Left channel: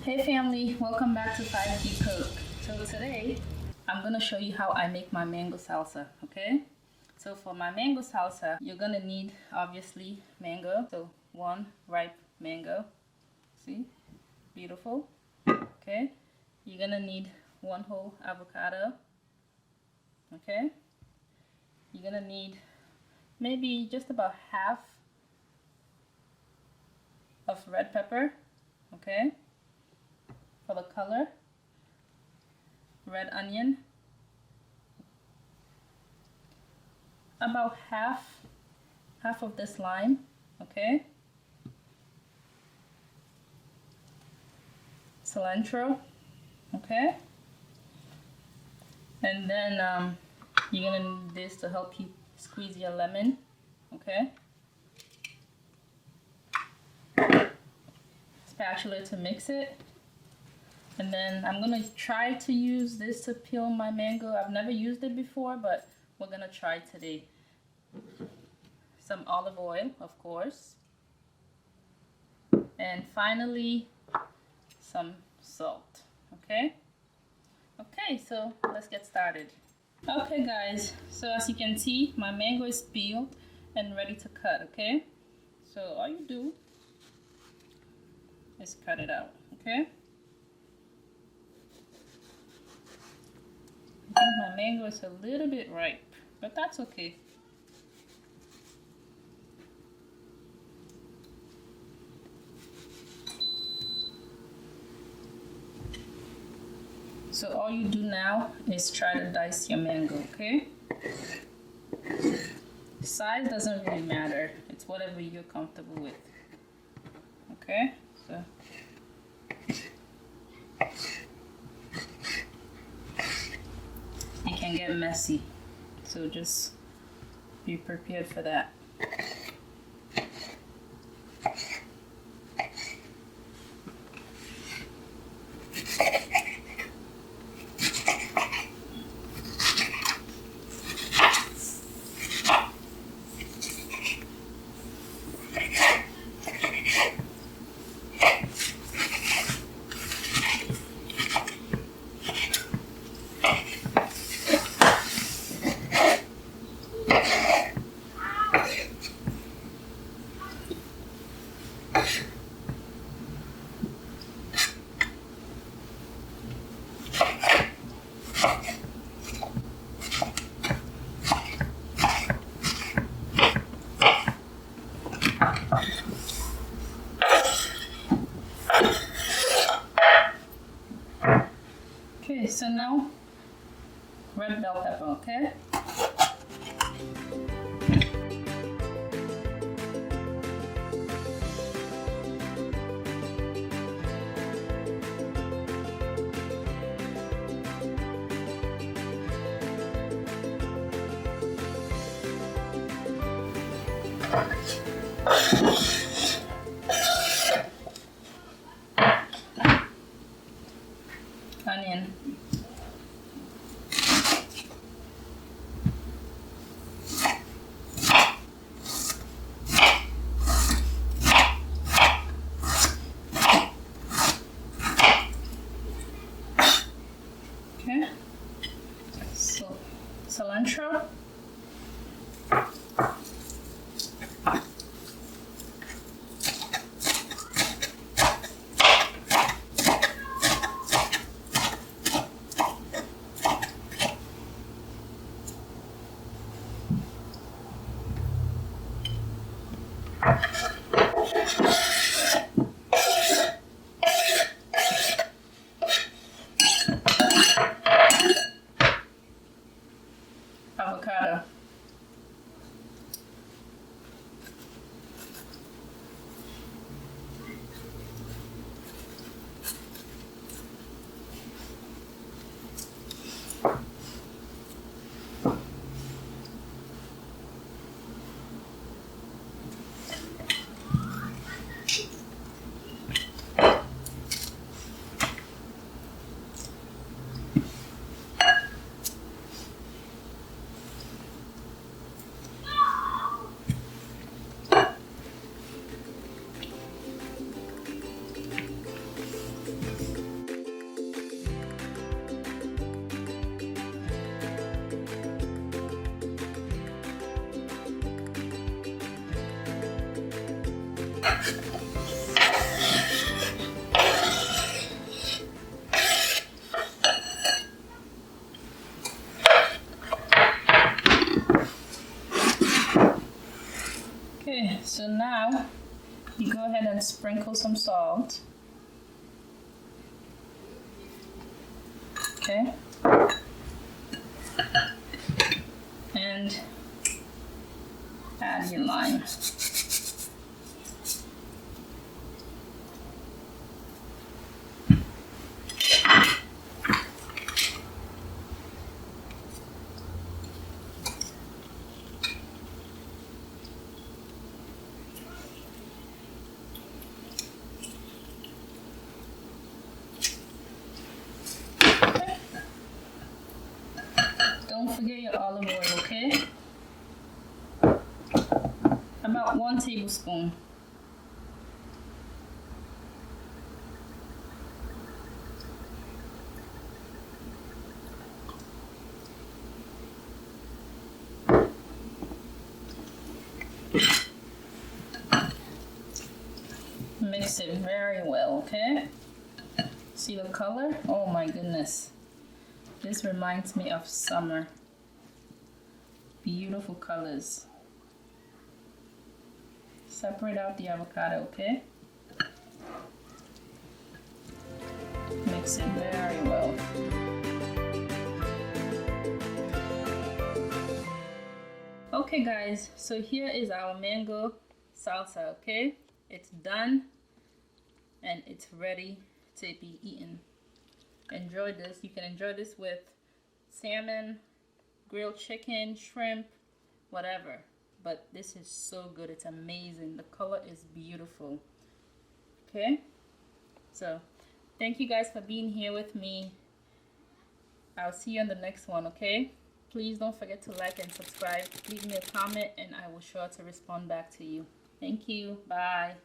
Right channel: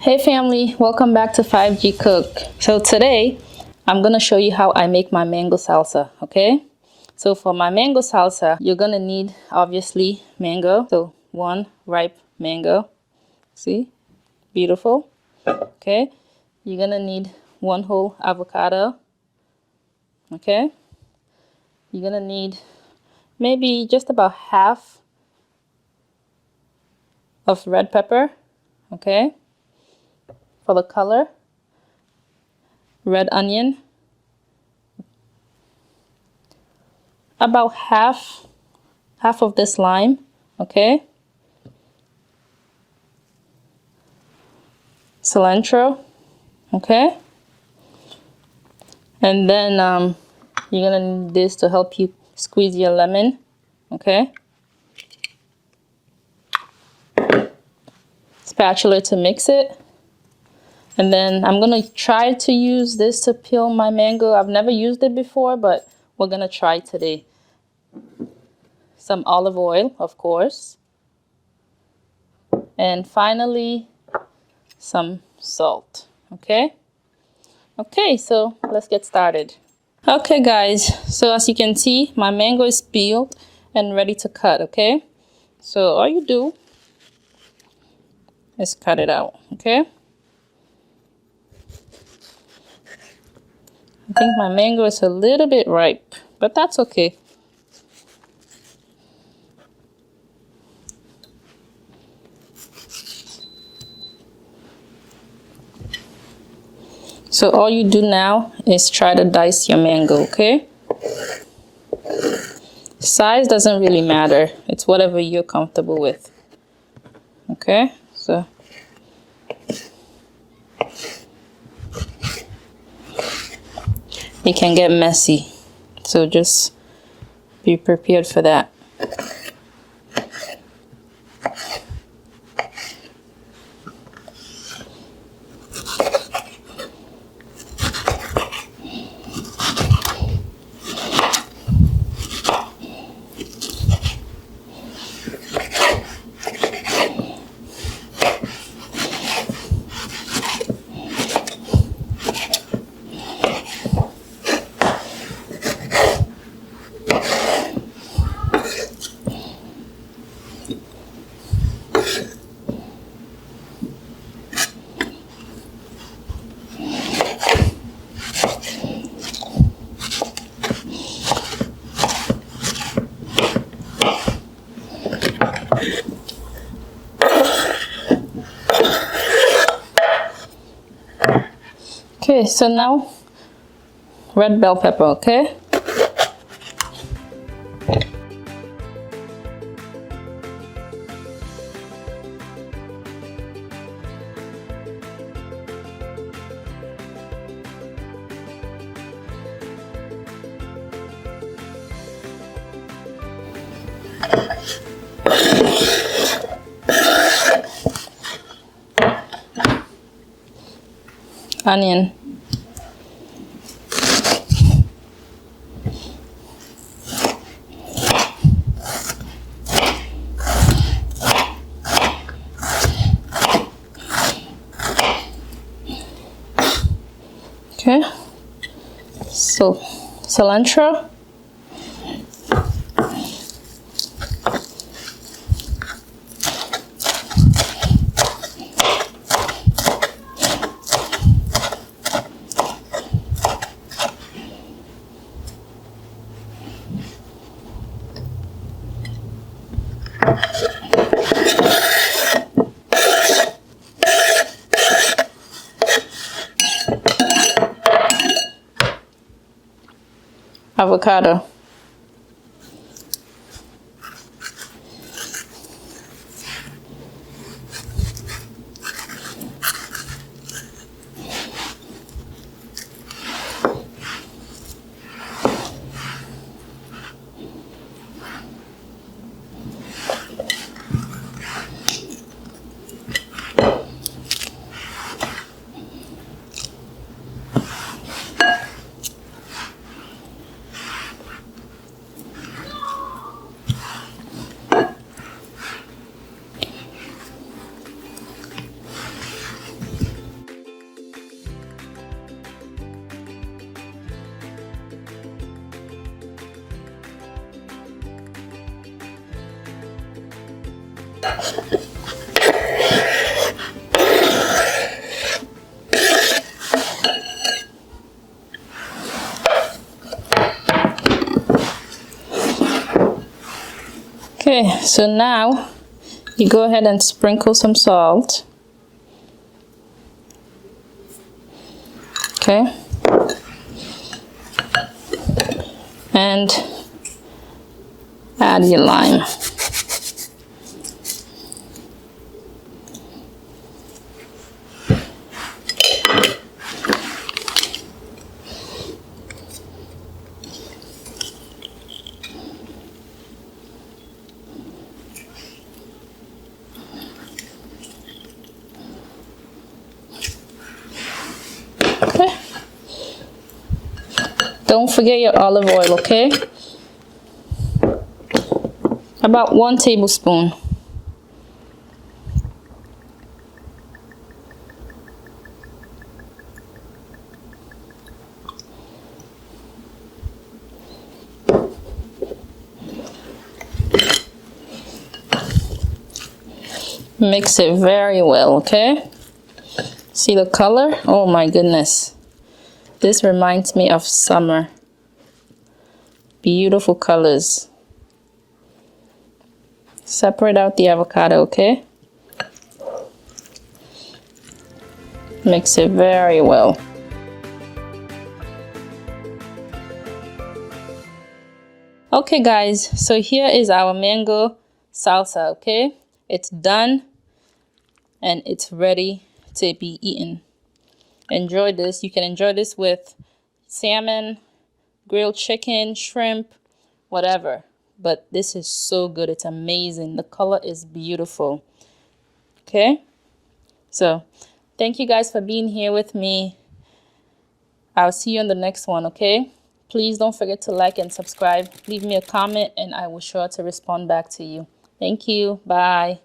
Hey family, welcome back to 5G Cook. So today I'm gonna show you how I make my mango salsa, okay? So for my mango salsa, you're gonna need obviously mango. So one ripe mango, see, beautiful, okay? You're gonna need one whole avocado, okay? You're gonna need maybe just about half of red pepper, okay? For the color, red onion, about half of this lime, okay? Cilantro, okay? And then you're gonna need this to help you squeeze your lemon, okay? Spatula to mix it. And then I'm gonna try to use this to peel my mango. I've never used it before, but we're gonna try today. Some olive oil, of course. And finally, some salt, okay? Okay, so let's get started. Okay guys, so as you can see, my mango is peeled and ready to cut, okay? So all you do is cut it out, okay? I think my mango is a little bit ripe, but that's okay. So all you do now is try to dice your mango, okay? Size doesn't really matter. It's whatever you're comfortable with. Okay? So it can get messy. So just be prepared for that. Okay, so now red bell pepper, okay? Onion. Okay, so cilantro. Avocado. Okay, so now you go ahead and sprinkle some salt. Okay. And add your lime. Okay. Don't forget your olive oil, okay? About 1 tablespoon. Mix it very well, okay? See the color? Oh my goodness. This reminds me of summer. Beautiful colors. Separate out the avocado, okay? Mix it very well. Okay guys, so here is our mango salsa, okay? It's done and it's ready to be eaten. Enjoy this. You can enjoy this with salmon, grilled chicken, shrimp, whatever. But this is so good. It's amazing. The color is beautiful. Okay? So, thank you guys for being here with me. I'll see you on the next one, okay? Please don't forget to like and subscribe. Leave me a comment and I will sure to respond back to you. Thank you. Bye.